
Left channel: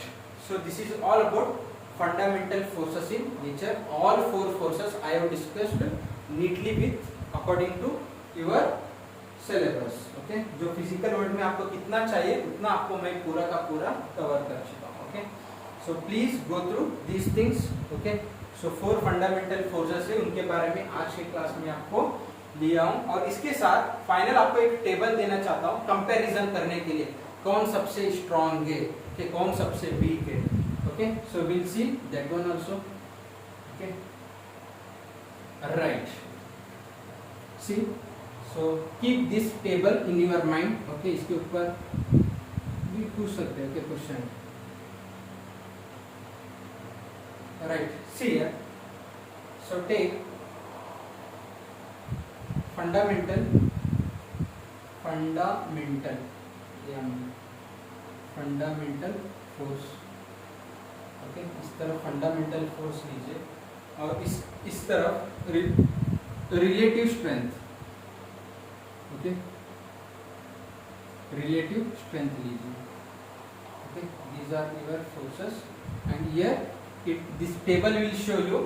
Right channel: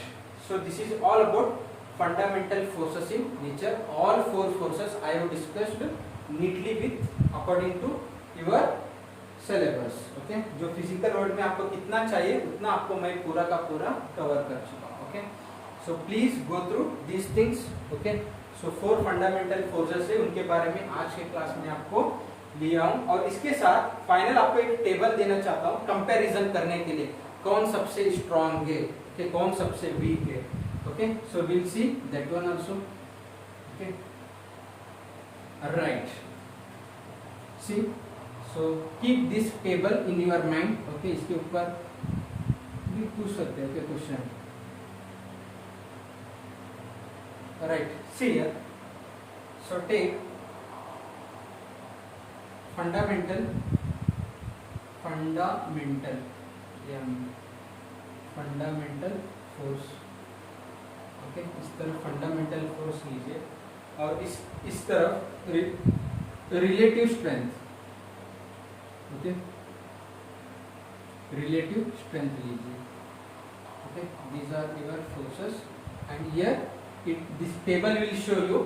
So this is all about fundamental forces in nature, all 4 forces I have discussed neatly with according to your syllabus, okay. जो physical world में आपको कितना चाहिए उतना आपको मैं पूरा का पूरा कवर कर चुका हूँ, okay. So please go through these things, okay? So 4 fundamental forces है, उनके बारे में आज के क्लास में आपको दिया हूँ, और इसके साथ फाइनल आपको एक टेबल देना चाहता हूँ कंपैरिजन करने के लिए, कौन सबसे स्ट्रॉन्ग है, कि कौन सबसे वीक है, okay. So will see that one also, okay, right. See, so keep this table in your mind, okay. इसके ऊपर भी पूछ सकते हो, okay, question, right, see here, so take fundamental force. Okay, इस तरफ फंडामेंटल फोर्स लीजिए और इस तरफ relative strength. Okay, relative strength लीजिए। Okay, these are your forces and here this table will show you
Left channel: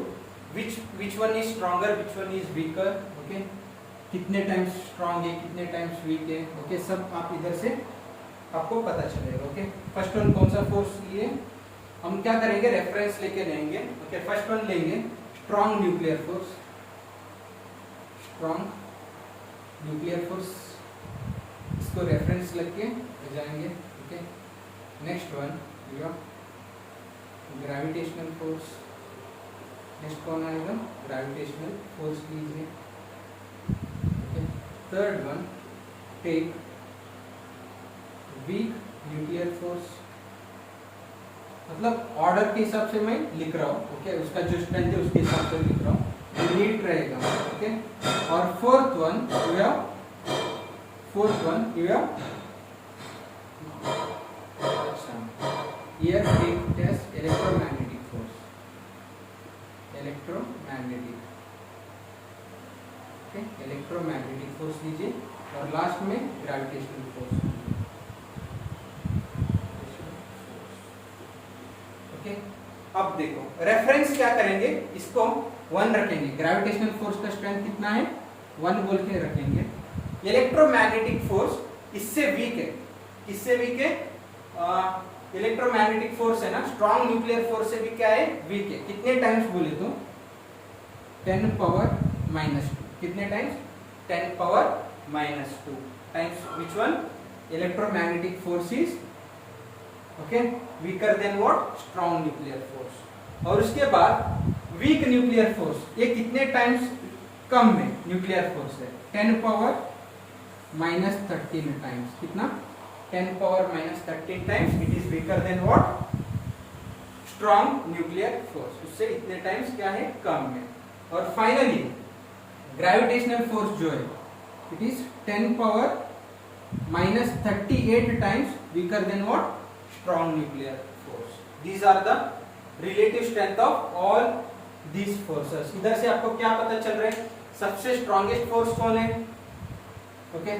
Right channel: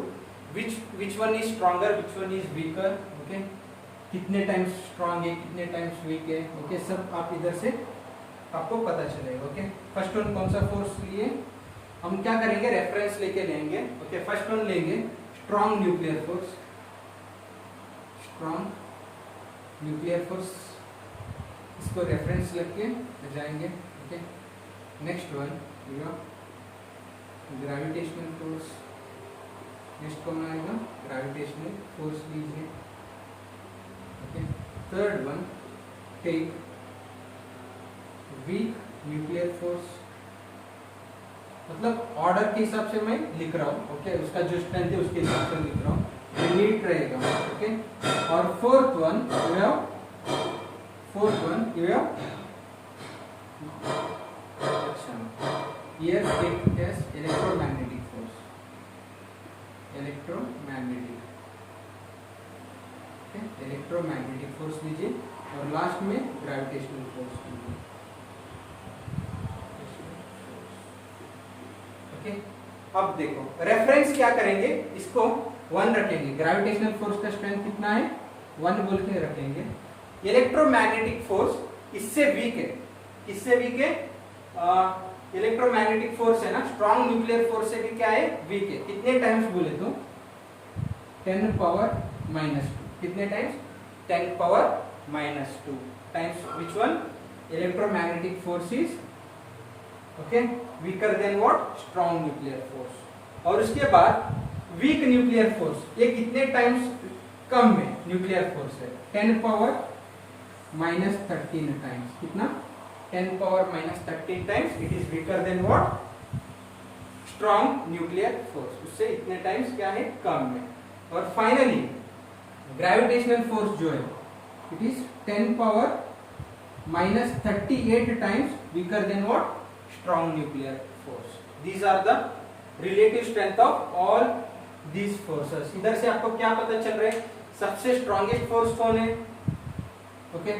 which one is stronger, which one is weaker। okay, कितने times strong है, कितने टाइम्स वीक है। Okay, सब आप इधर से आपको पता चलेगा। ओके, फर्स्ट वन कौन सा फोर्स लिए, हम क्या करेंगे, रेफरेंस लेके लेंगे। ओके, फर्स्ट वन लेंगे strong nuclear force. Strong nuclear force, इसको रेफरेंस लेके जाएंगे। Okay, next one gravitational force. Next कौन आएगा, ग्रेविटेशनल फोर्स लीजिए। Okay, third one take weak nuclear force. मतलब ऑर्डर के हिसाब से मैं लिख रहा हूँ। ओके, उसका जो स्ट्रेंथ है उसके हिसाब से लिख रहा हूँ, नीट रहेगा। ओके, और fourth one here take as electromagnetic force। Electromagnetic force लीजिए और लास्ट में ग्रेविटेशनल फोर्स। ओके, अब देखो रेफरेंस क्या करेंगे, इसको 1 रखेंगे। ग्रेविटेशनल फोर्स का स्ट्रेंथ कितना है, 1 बोल के रखेंगे। इलेक्ट्रोमैग्नेटिक फोर्स इससे वीक है। किससे वीक है, इलेक्ट्रोमैग्नेटिक फोर्स है ना, स्ट्रॉन्ग न्यूक्लियर फोर्स से भी क्या है, वीक है। कितने टाइम्स बोले तो 10⁻²। कितने times, 10⁻² times which one, electromagnetic force is okay weaker than what, strong nuclear force. और उसके बाद वीक न्यूक्लियर फोर्स, ये कितने टाइम्स कम में न्यूक्लियर फोर्स है, 10⁻13 टाइम्स। कितना, 10⁻13 times it is weaker than what, strong nuclear force. उससे इतने टाइम्स क्या है, कम में। और फाइनली ग्रेविटेशनल फोर्स जो है it is 10⁻38 times weaker than what, strong nuclear force. These are the relative strength of all these forces. इधर से आपको क्या पता चल रहा है, सबसे स्ट्रॉन्गेस्ट फोर्स कौन है। ओके,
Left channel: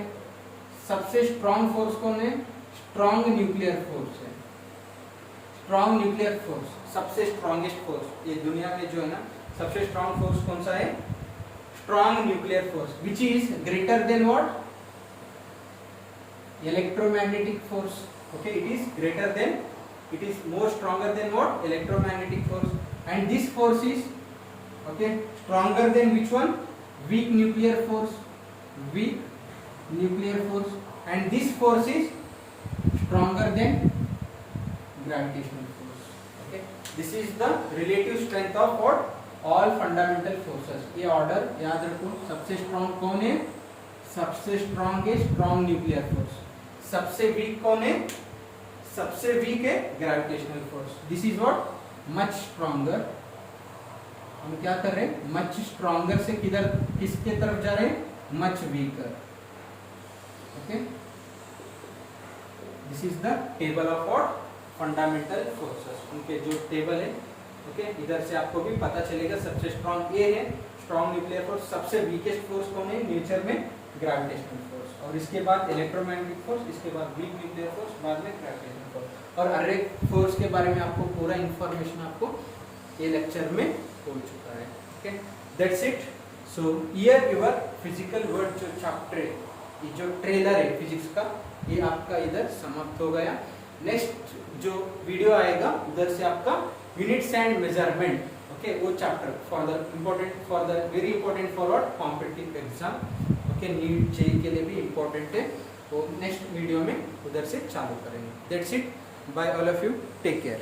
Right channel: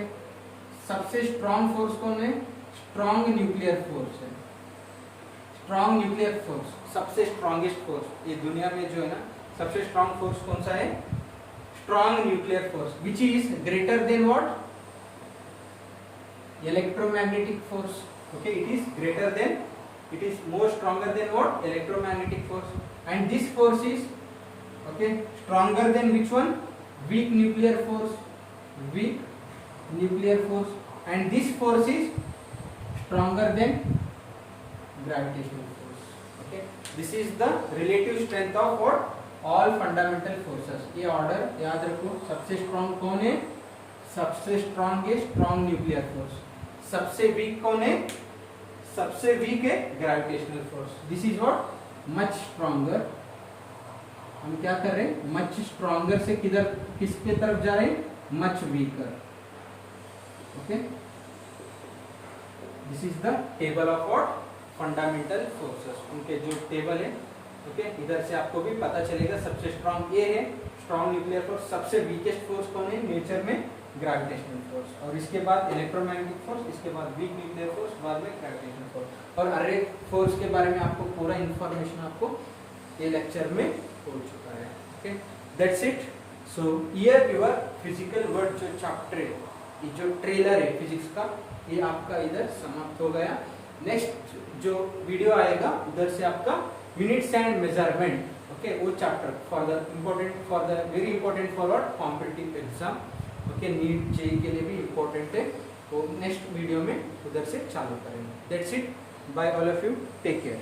सबसे स्ट्रॉन्ग फोर्स कौन है, स्ट्रॉन्ग न्यूक्लियर फोर्स है। स्ट्रॉन्ग न्यूक्लियर फोर्स सबसे स्ट्रॉन्गेस्ट फोर्स, ये दुनिया में जो है ना सबसे स्ट्रॉन्ग फोर्स कौन सा है, strong nuclear force, which is greater than what, electromagnetic force. Okay, it is greater then, it is more stronger than what, electromagnetic force, and this force is okay stronger than which one, weak nuclear force, and this force is stronger than gravitational force। okay, this is the relative strength of what, all fundamental forces। ये order याद रखो, सबसे strong कौन है, सबसे strong है strong nuclear force, सबसे week कौन है, सबसे वीक है gravitational force. This is what, much stronger. हम क्या कर रहे हैं, मच स्ट्रॉन्गर से किधर, किसके तरफ जा रहे हैं, much weaker. Okay, this is the table of what, fundamental forces. उनके जो टेबल है, ओके, इधर से आपको भी पता चलेगा सबसे स्ट्रॉन्ग ये है स्ट्रॉन्ग न्यूक्लियर फोर्स, सबसे वीकेस्ट फोर्स कौन है नेचर में, ग्रेविटेशनल फोर्स, और इसके बाद इलेक्ट्रोमैग्नेटिक फोर्स, इसके बाद वीक न्यूक्लियर फोर्स, बाद में ग्रेविटेशनल फोर्स। और हर एक फोर्स के बारे में आपको पूरा इंफॉर्मेशन आपको ये लेक्चर में हो चुका है। Okay, that's it. So here your physical word जो चैप्टर है, ये जो ट्रेलर है फिजिक्स का, ये आपका इधर समाप्त हो गया। नेक्स्ट जो वीडियो आएगा उधर से आपका यूनिट्स एंड मेजरमेंट, ओके, वो chapter for the very important for what, competitive exam. Okay, NEET JEE के लिए भी इम्पोर्टेंट है। तो नेक्स्ट वीडियो में उधर से चालू करेंगे। That's it, bye all of you, take care.